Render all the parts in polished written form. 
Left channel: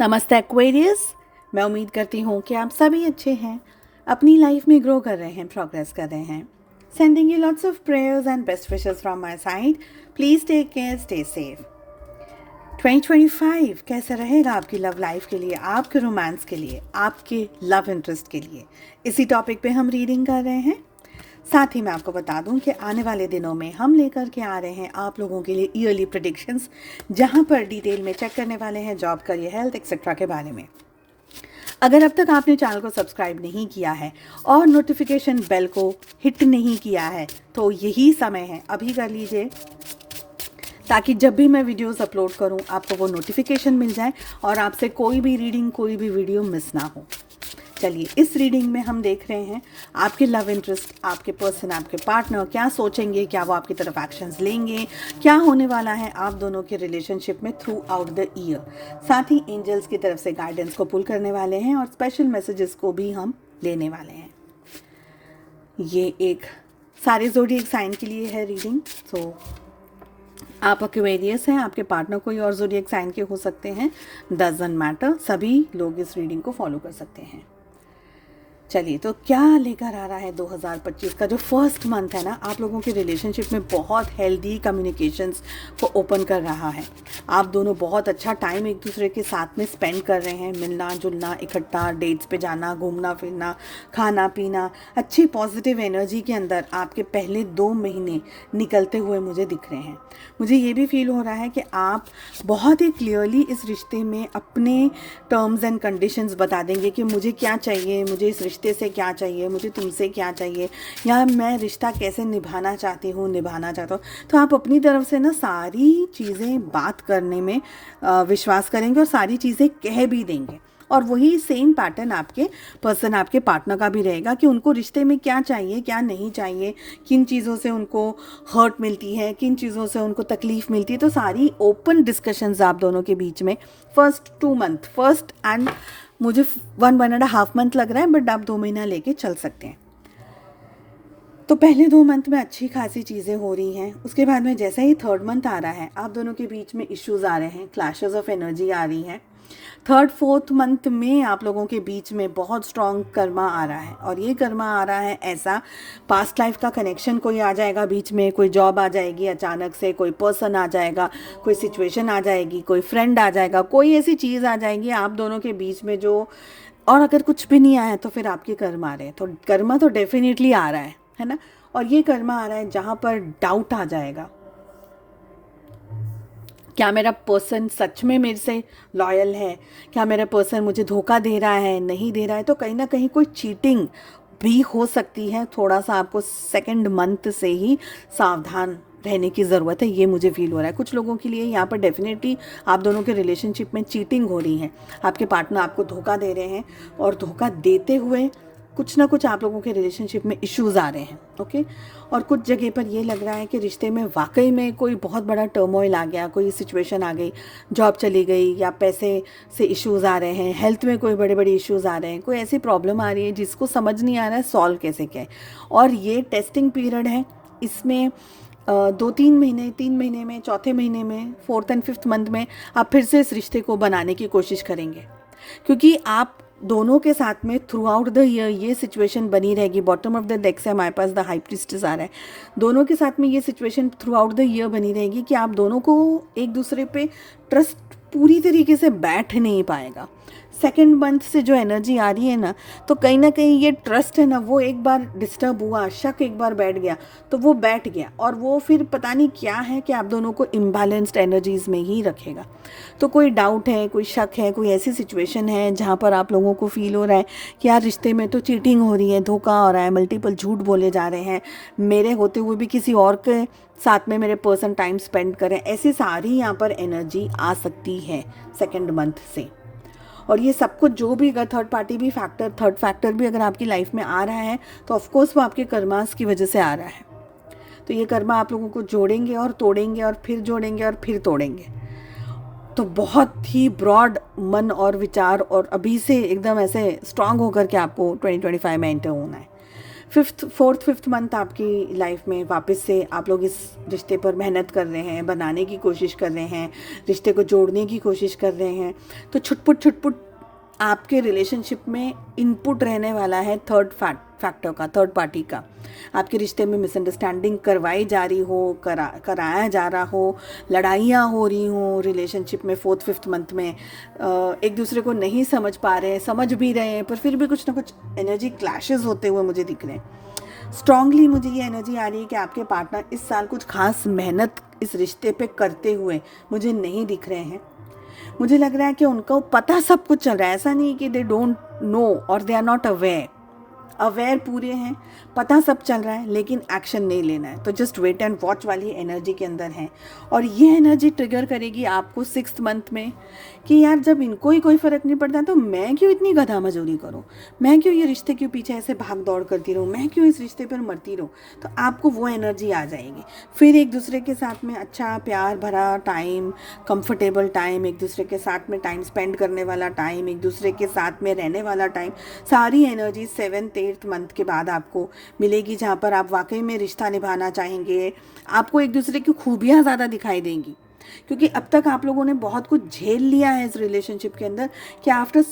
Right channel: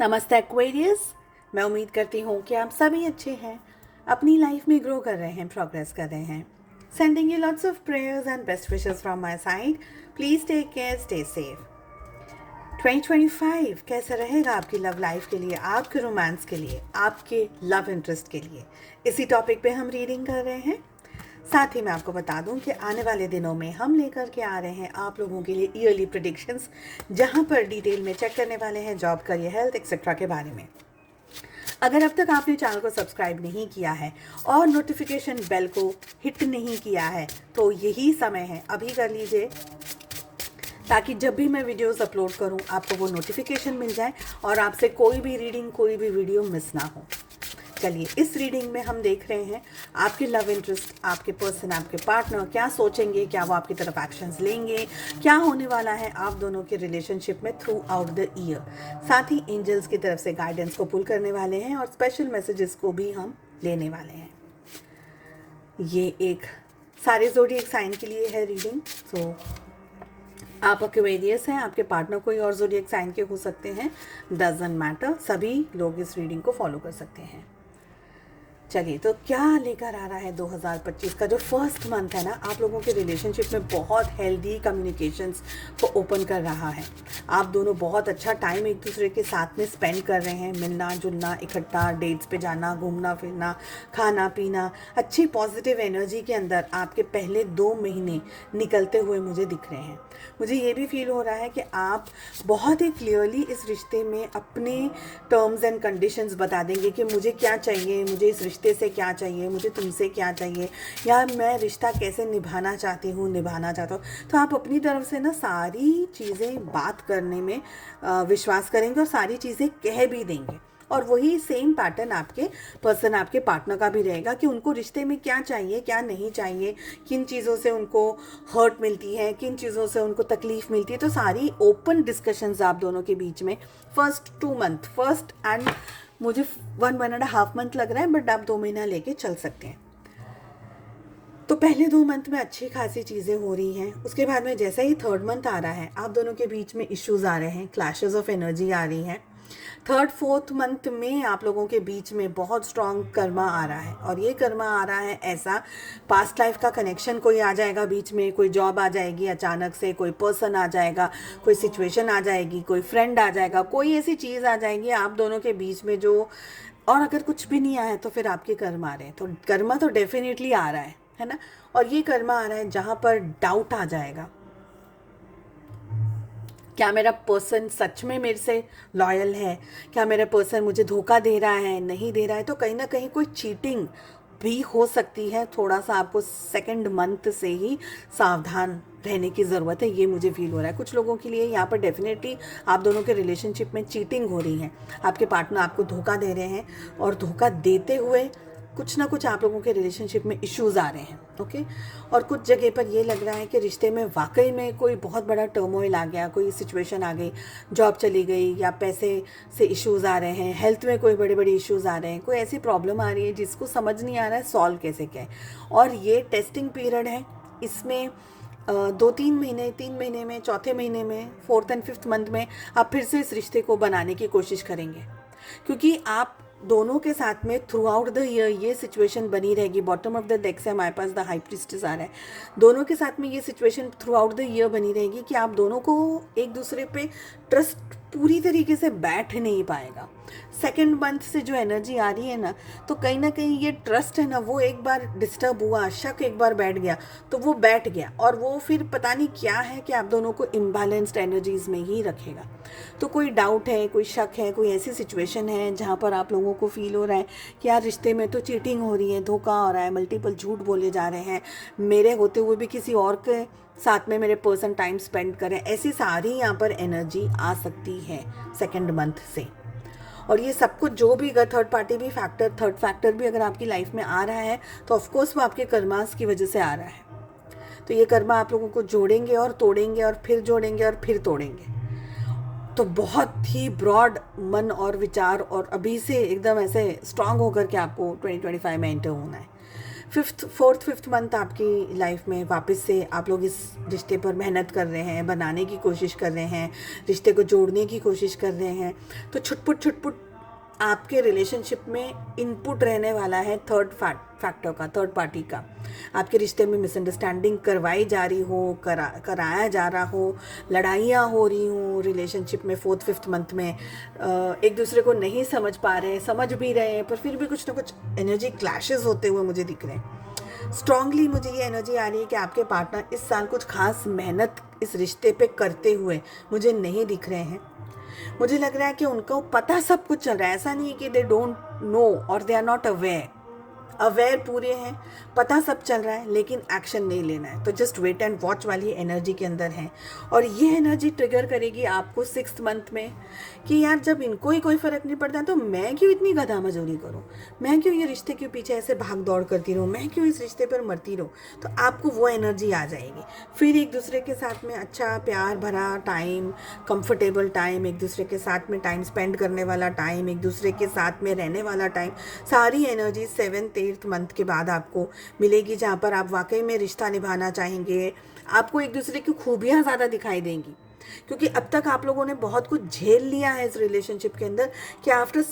नमस्ते एक्वेरियस। मैं उम्मीद करती हूँ कि आप सभी अच्छे हैं, अपनी लाइफ में ग्रो कर रहे हैं, प्रोग्रेस कर रहे हैं। Sending you lots of prayers and best wishes from my side. Please take care, stay safe. 2025 कैसा रहेगा आपकी लव लाइफ के लिए, आपके रोमांस के लिए, आपके लव इंटरेस्ट के लिए, इसी टॉपिक पे हम रीडिंग कर रहे हैं। साथ ही मैं आपको बता दूं कि आने वाले दिनों में हम लेकर के आ रहे हैं आप लोगों के लिए ईयरली प्रेडिक्शंस, जहां पर डिटेल में चेक करने वाले हैं जॉब, करियर, हेल्थ एक्सेट्रा के बारे में। अगर अब तक आपने चैनल को सब्सक्राइब नहीं किया है और नोटिफिकेशन बेल को हिट नहीं किया है तो यही समय है, अभी कर लीजिए, ताकि जब भी मैं वीडियोस अपलोड करूं आपको वो नोटिफिकेशन मिल जाए और आपसे कोई भी रीडिंग, कोई भी वीडियो मिस ना हो। चलिए, इस रीडिंग में हम देख रहे हैं आपके लव इंटरेस्ट, आपके पर्सन, आपके पार्टनर क्या सोचेंगे, क्या वो आपकी तरफ एक्शंस लेंगे, क्या होने वाला है आप दोनों के रिलेशनशिप में थ्रू आउट द ईयर। साथ ही एंजल्स की तरफ से गाइडेंस को पुल करने वाले हैं और स्पेशल मैसेजेस को भी हम लेने वाले हैं। ये एक सारे ज़ोडिएक साइन के लिए है रीडिंग। सो आप एक्वेरियस हैं, आपके पार्टनर कोई और ज़ोडिएक साइन के हो सकते हैं, डजंट मैटर, सभी लोग इस रीडिंग को फॉलो कर सकते हैं। चलिए, तो क्या लेकर आ रहा है 2025 का जो फर्स्ट मंथ है ना, आप लोगों के रिलेशनशिप में बहुत हेल्दी कम्युनिकेशंस को ओपन कर रहा है। आप दोनों बहुत अच्छा टाइम एक दूसरे के साथ में स्पेंड कर रहे हैं, मिलना जुलना, इकट्ठा डेट्स पे जाना, घूमना फिरना, खाना पीना, अच्छी पॉजिटिव एनर्जी के अंदर आपके पहले 2 महीने निकलते हुए मुझे दिख रहे हैं। मुझे ये भी फील हो रहा है कि आप बहुत ही क्लियरली इस रिश्ते में अपने टर्म्स एंड कंडीशंस बता देंगे कि मुझे क्या चाहिए, मुझे इस रिश्ते से क्या चाहिए, मुझे तुमसे क्या चाहिए, या मैं रिश्ता कैसे निभाना चाहती हूँ, निभाना चाहता हूँ। तो आप अपनी तरफ से ना सारी चीज़ें बात करने में विश्वास करेंगे और सारी चीज़ें कह भी देंगे। और वही सेम पैटर्न आपके पर्सन, आपके पार्टनर का भी रहेगा कि उनको रिश्ते में क्या चाहिए, क्या नहीं चाहिए, किन चीज़ों से उनको हर्ट मिलती है, किन चीज़ों से उनको तकलीफ़ मिलती है। तो सारी ओपन डिस्कशंस आप दोनों के बीच में फर्स्ट 2 मंथ, फर्स्ट एंड मुझे 1.5 मंथ लग रहा है, बट आप 2 महीना लेके चल सकते हैं। तो पहले 2 मंथ में अच्छी खासी चीज़ें हो रही हैं। उसके बाद में जैसे ही 3rd मंथ आ रहा है, आप दोनों के बीच में इश्यूज आ रहे हैं, क्लैशेस ऑफ एनर्जी आ रही हैं। 3rd 4th मंथ में आप लोगों के बीच में बहुत स्ट्रॉन्ग कर्मा आ रहा है, और ये कर्मा आ रहा है ऐसा, पास्ट लाइफ का कनेक्शन कोई आ जाएगा बीच में, कोई जॉब आ जाएगी अचानक से, कोई पर्सन आ जाएगा, कोई सिचुएशन आ जाएगी, कोई फ्रेंड आ जाएगा, कोई ऐसी चीज़ आ जाएगी आप दोनों के बीच में जो, और अगर कुछ भी नहीं आया तो फिर आपके कर्मा आ रहे हैं। तो कर्मा तो डेफिनेटली आ रहा है ना। और ये कर्मा आ रहा है जहाँ पर डाउट आ जाएगा, क्या मेरा पर्सन सच में मेरे से लॉयल है, क्या मेरा पर्सन मुझे धोखा दे रहा है, नहीं दे रहा है। तो कहीं ना कहीं कोई चीटिंग भी हो सकती है। थोड़ा सा आपको 2nd मंथ से ही सावधान रहने की ज़रूरत है, ये मुझे फील हो रहा है। कुछ लोगों के लिए यहाँ पर डेफिनेटली आप दोनों के रिलेशनशिप में चीटिंग हो रही है, आपके पार्टनर आपको धोखा दे रहे हैं, और धोखा देते हुए कुछ ना कुछ आप लोगों के रिलेशनशिप में इश्यूज आ रहे हैं। ओके, और कुछ जगह पर ये लग रहा है कि रिश्ते में वाकई में कोई बहुत बड़ा टर्मोइल आ गया, कोई सिचुएशन आ गई, जॉब चली गई, या पैसे से इश्यूज आ रहे हैं, हेल्थ में कोई बड़े बड़े इश्यूज आ रहे हैं, कोई ऐसी प्रॉब्लम आ रही है जिसको समझ नहीं आ रहा है सॉल्व कैसे क्या है। और ये टेस्टिंग पीरियड है, इसमें 2-3 महीने, 3 महीने में, चौथे महीने में, 4th एंड 5th मंथ में आप फिर से इस रिश्ते को बनाने की कोशिश करेंगे, क्योंकि आप दोनों के साथ में थ्रू आउट द ईयर ये सिचुएशन बनी रहेगी। बॉटम ऑफ द डेक से हमारे पास द हाई प्रीस्टेस आ रहा है। दोनों के साथ में ये situation through out the year बनी रहेगी कि आप दोनों को एक दूसरे पे ट्रस्ट पूरी तरीके से बैठ नहीं पाएगा। 2nd मंथ से जो एनर्जी आ रही है ना, तो कहीं ना कहीं ये ट्रस्ट है ना, वो एक बार डिस्टर्ब हुआ, शक एक बार बैठ गया तो वो बैठ गया, और वो फिर पता नहीं क्या है कि आप दोनों को इम्बैलेंस्ड एनर्जीज में ही रखेगा। तो कोई डाउट है, कोई शक है, कोई ऐसी सिचुएशन है जहाँ पर आप लोगों को फील हो रहा है कि यार रिश्ते में तो चीटिंग हो रही है, धोखा हो रहा है, मल्टीपल झूठ बोले जा रहे हैं, मेरे होते हुए भी किसी और के साथ में मेरे पर्सन टाइम स्पेंड करें, ऐसी सारी यहाँ पर एनर्जी आ सकती है 2nd मंथ से। और ये सब कुछ जो भी, अगर थर्ड पार्टी भी फैक्टर, थर्ड फैक्टर भी अगर आपकी लाइफ में आ रहा है तो ऑफकोर्स वो आपके कर्मास की वजह से आ रहा है। तो ये कर्मा आप लोगों को जोड़ेंगे और तोड़ेंगे, और फिर जोड़ेंगे और फिर तोड़ेंगे। तो बहुत ही ब्रॉड मन और विचार, और अभी से एकदम ऐसे स्ट्रांग होकर के आपको 2025 में एंटर होना है। फोर्थ फिफ्थ मंथ आपकी लाइफ में वापस से आप लोग इस रिश्ते पर मेहनत कर रहे हैं, बनाने की कोशिश कर रहे हैं, रिश्ते को जोड़ने की कोशिश कर रहे हैं। तो छुटपुट आपके रिलेशनशिप में इनपुट रहने वाला है फैक्टर का, थर्ड पार्टी का। आपके रिश्ते में मिसअंडरस्टैंडिंग करवाई जा रही हो, कराया जा रहा हो, लड़ाइयाँ हो रही हो रिलेशनशिप में फोर्थ फिफ्थ मंथ में, एक दूसरे को नहीं समझ पा रहे हैं, समझ भी रहे हैं, पर फिर भी कुछ ना कुछ एनर्जी क्लैशेस होते हुए मुझे दिख रहे हैं। स्ट्रांगली मुझे ये एनर्जी आ रही है कि आपके पार्टनर इस साल कुछ खास मेहनत इस रिश्ते पे करते हुए मुझे नहीं दिख रहे हैं। मुझे लग रहा है कि उनको पता सब कुछ चल रहा है, ऐसा नहीं कि दे डोंट नो और दे आर नॉट अवेयर पूरे हैं, पता सब चल रहा है, लेकिन एक्शन नहीं लेना है। तो जस्ट वेट एंड वॉच वाली एनर्जी के अंदर है। और ये एनर्जी ट्रिगर करेगी आपको 6th मंथ में कि यार जब इनको ही कोई फ़र्क नहीं पड़ता है तो मैं क्यों इतनी गधा मजूरी करूँ, मैं क्यों ये रिश्ते के पीछे ऐसे भाग दौड़ करती रहूँ, मैं क्यों इस रिश्ते पर मरती रहूँ। तो आपको वो एनर्जी आ जाएगी। फिर एक दूसरे के साथ में अच्छा प्यार भरा टाइम, कंफर्टेबल टाइम, एक दूसरे के साथ में टाइम स्पेंड करने वाला टाइम, एक दूसरे के साथ में रहने वाला टाइम, सारी एनर्जी 7th 8th मंथ के बाद आपको मिलेगी, जहाँ पर आप वाकई में रिश्ता निभाना चाहेंगे। आपको एक दूसरे की खूबियाँ ज़्यादा दिखाई देंगी, क्योंकि अब तक आप लोगों ने बहुत कुछ झेल लिया है इस रिलेशनशिप के अंदर कि आफ्टर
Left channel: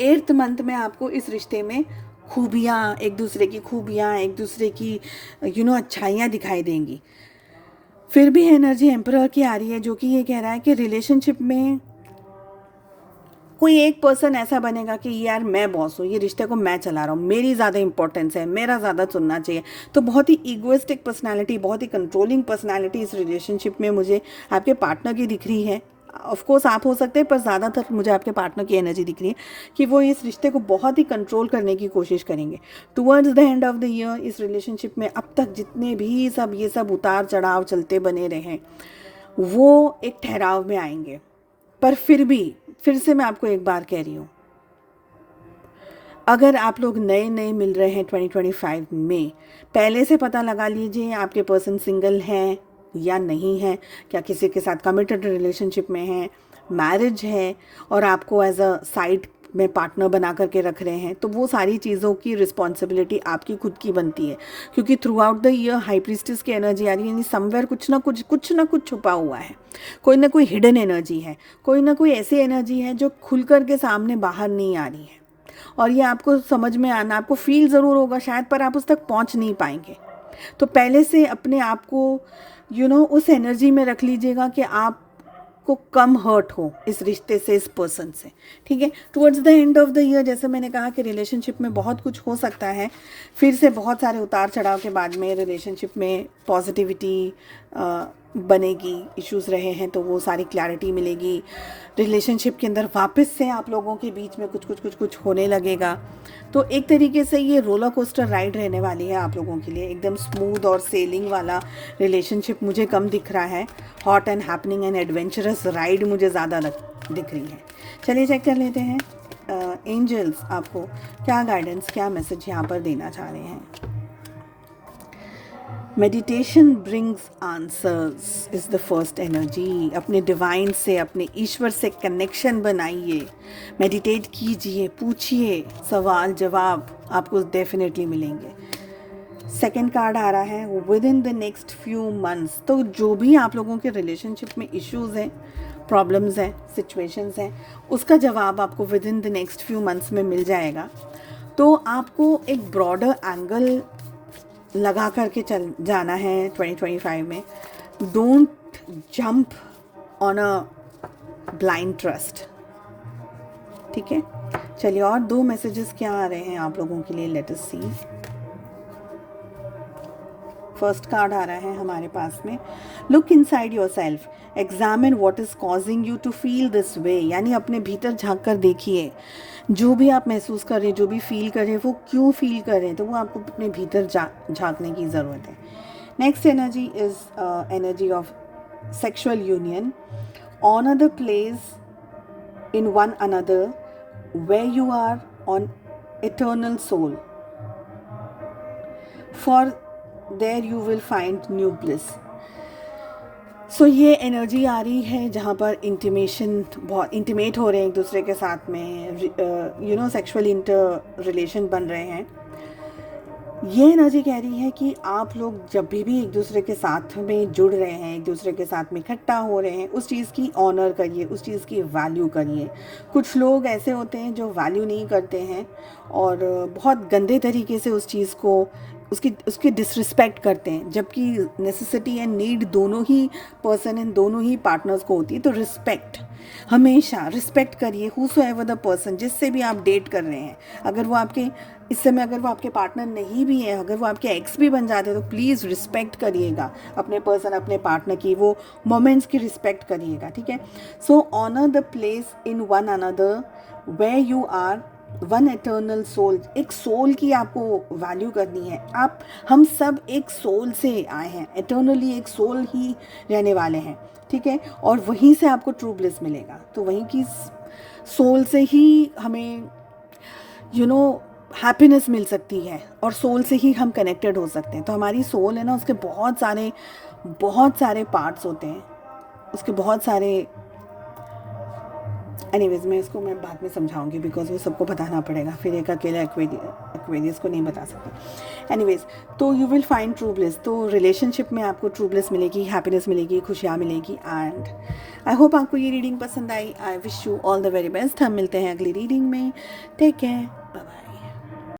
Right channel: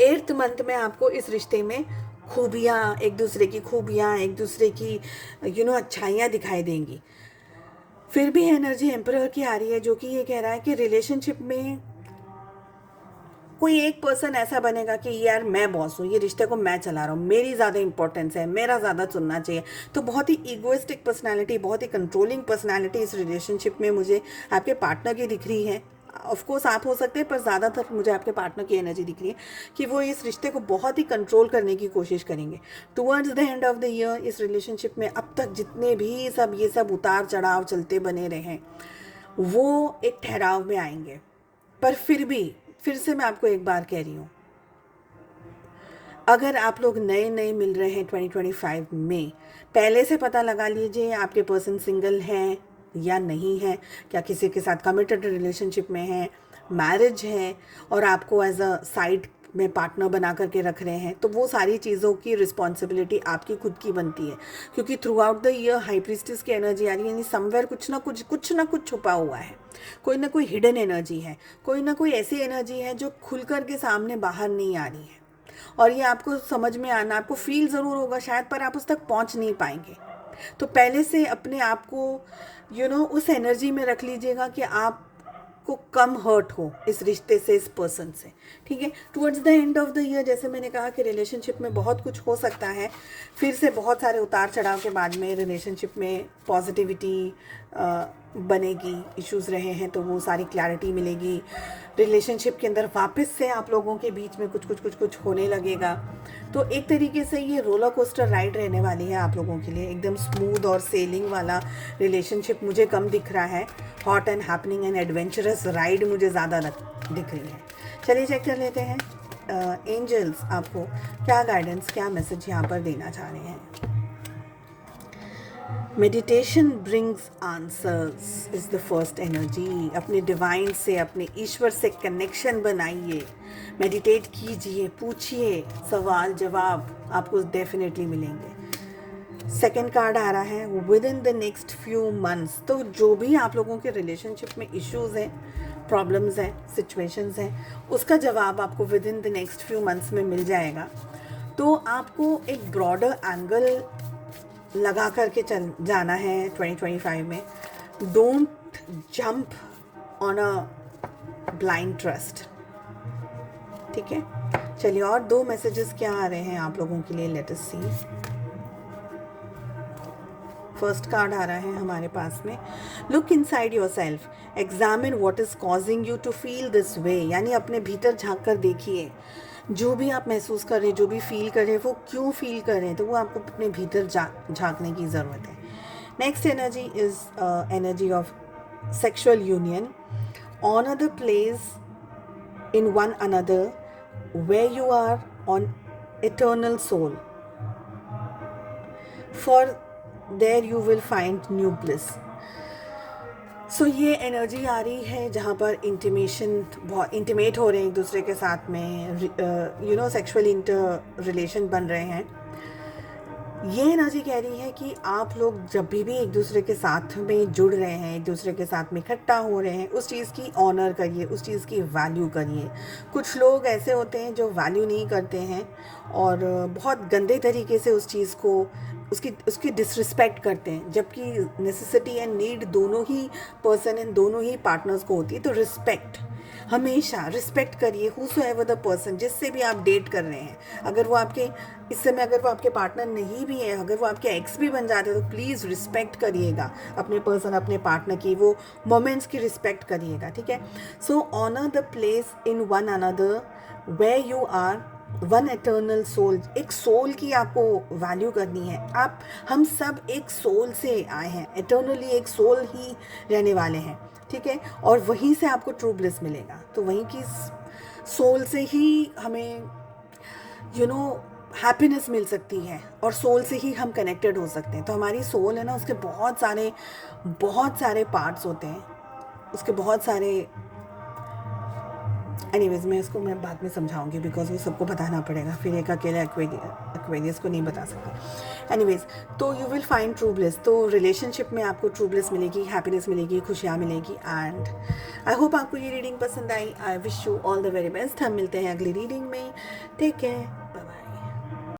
8th मंथ में आपको इस रिश्ते में खूबियाँ, एक दूसरे की खूबियाँ, एक दूसरे की अच्छाइयाँ दिखाई देंगी। फिर भी एनर्जी एम्परर की आ रही है, जो कि ये कह रहा है कि रिलेशनशिप में कोई एक पर्सन ऐसा बनेगा कि यार मैं बॉस हूँ, ये रिश्ते को मैं चला रहा हूँ, मेरी ज़्यादा इंपॉर्टेंस है, मेरा ज़्यादा सुनना चाहिए। तो बहुत ही ईगोइस्टिक पर्सनालिटी, बहुत ही कंट्रोलिंग पर्सनालिटी इस रिलेशनशिप में मुझे आपके पार्टनर की दिख रही है। ऑफ कोर्स आप हो सकते हैं, पर ज़्यादातर मुझे आपके पार्टनर की एनर्जी दिख रही है कि वो इस रिश्ते को बहुत ही कंट्रोल करने की कोशिश करेंगे। Towards the end of the year इस रिलेशनशिप में अब तक जितने भी ये सब उतार चढ़ाव चलते बने रहे हैं, वो एक ठहराव में आएंगे। पर फिर से मैं आपको एक बार कह रही हूँ, अगर आप लोग नए मिल रहे हैं 2025 में, पहले से पता लगा लीजिए आपके पर्सन सिंगल हैं या नहीं है, क्या किसी के साथ कमिटेड रिलेशनशिप में है, मैरिज है और आपको एज अ साइड में पार्टनर बना करके रख रहे हैं। तो वो सारी चीज़ों की रिस्पॉन्सिबिलिटी आपकी खुद की बनती है, क्योंकि through out the year high priestess की एनर्जी आ रही है, यानी समवेयर कुछ ना कुछ छुपा हुआ है, कोई ना कोई हिडन एनर्जी है, कोई ना कोई ऐसी एनर्जी है जो खुल कर के सामने बाहर नहीं आ रही है। और ये आपको समझ में आना, आपको फील ज़रूर होगा शायद, पर आप उस तक पहुंच नहीं पाएंगे। तो पहले से अपने आप को उस एनर्जी में रख लीजिएगा कि आप को कम हर्ट हो इस रिश्ते से, इस पर्सन से, ठीक है। Towards the end of the year, जैसे मैंने कहा कि रिलेशनशिप में बहुत कुछ हो सकता है, फिर से बहुत सारे उतार चढ़ाव के बाद में रिलेशनशिप में पॉजिटिविटी बनेगी। इश्यूज़ रहे हैं तो वो सारी क्लैरिटी मिलेगी। रिलेशनशिप के अंदर वापस से आप लोगों के बीच में कुछ होने लगेगा। तो एक तरीके से ये रोलर कोस्टर राइड रहने वाली है आप लोगों के लिए। एकदम स्मूथ और सेलिंग वाला रिलेशनशिप मुझे कम दिख रहा है, hot and happening and adventurous ride मुझे ज़्यादा दिख रही है। चलिए चेक कर लेते हैं एंजल्स आपको क्या गाइडेंस, क्या मैसेज यहाँ पर देना चाह रहे हैं। Meditation brings answers is the first energy. अपने डिवाइन से, अपने ईश्वर से कनेक्शन बनाइए, मेडिटेट कीजिए, पूछिए, सवाल जवाब आपको डेफिनेटली मिलेंगे। सेकेंड कार्ड आ रहा है with in the next few months. तो जो भी आप लोगों के रिलेशनशिप में इश्यूज़ हैं, प्रॉब्लम्स हैं, सिचुएशंस हैं, उसका जवाब आपको with in the next few months में मिल जाएगा। तो आपको एक ब्रॉडर एंगल लगा करके चल जाना है 2025 में। Don't jump on a blind trust, ठीक है। चलिए और 2 मैसेजेस क्या आ रहे हैं आप लोगों के लिए, let us see. First card आ रहा है हमारे पास में, look inside yourself, examine what is causing you to feel this way. यानी अपने भीतर झांक कर देखिए, जो भी आप महसूस कर रहे हैं, जो भी फील कर रहे हैं, वो क्यों फील कर रहे हैं, तो वो आपको अपने भीतर झांकने की ज़रूरत है। Next energy is energy of sexual union, honour the place in one another where you are on eternal soul, for there you will find new bliss। सो ये एनर्जी आ रही है जहाँ पर इंटीमेशन, बहुत इंटीमेट हो रहे हैं एक दूसरे के साथ में, सेक्सुअल इंटर रिलेशन बन रहे हैं। ये एनर्जी कह रही है कि आप लोग जब भी एक दूसरे के साथ में जुड़ रहे हैं, एक दूसरे के साथ में इकट्ठा हो रहे हैं, उस चीज़ की ऑनर करिए, उस चीज़ की वैल्यू करिए। कुछ लोग ऐसे होते हैं जो वैल्यू नहीं करते हैं और बहुत गंदे तरीके से उस चीज़ को, उसकी डिसरिस्पेक्ट करते हैं, जबकि नेसेसिटी एंड नीड दोनों ही पर्सन एंड दोनों ही पार्टनर्स को होती है। तो रिस्पेक्ट, हमेशा रिस्पेक्ट करिए हूसोएवर द पर्सन, जिससे भी आप डेट कर रहे हैं। अगर वो आपके इस समय अगर वो आपके पार्टनर नहीं भी है, अगर वो आपके एक्स भी बन जाते हैं, तो प्लीज़ रिस्पेक्ट करिएगा अपने पर्सन, अपने पार्टनर की, वो मोमेंट्स की रिस्पेक्ट करिएगा, ठीक है। So honour the place in one another where you are one eternal soul. एक सोल की आपको वैल्यू करनी है। हम सब एक सोल से आए हैं, एटर्नली एक सोल ही रहने वाले हैं, ठीक है। और वहीं से आपको ट्रू ब्लिस मिलेगा। तो वहीं की सोल से ही हमें हैप्पीनेस मिल सकती है और सोल से ही हम कनेक्टेड हो सकते हैं। तो हमारी सोल है ना, उसके बहुत सारे पार्ट्स होते हैं, उसके बहुत सारे, एनीवेज मैं बाद में समझाऊंगी, बिकॉज वो सबको बताना पड़ेगा, फिर एक अकेले एक्वेरियस को नहीं बता सकते। एनीवेज, तो you will find true bliss. तो रिलेशनशिप में आपको ट्रू ब्लिस मिलेगी, हैप्पीनेस मिलेगी, खुशियाँ मिलेगी। एंड आई होप आपको ये रीडिंग पसंद आई। I wish you all the very best. हम मिलते हैं अगली रीडिंग में। Take care.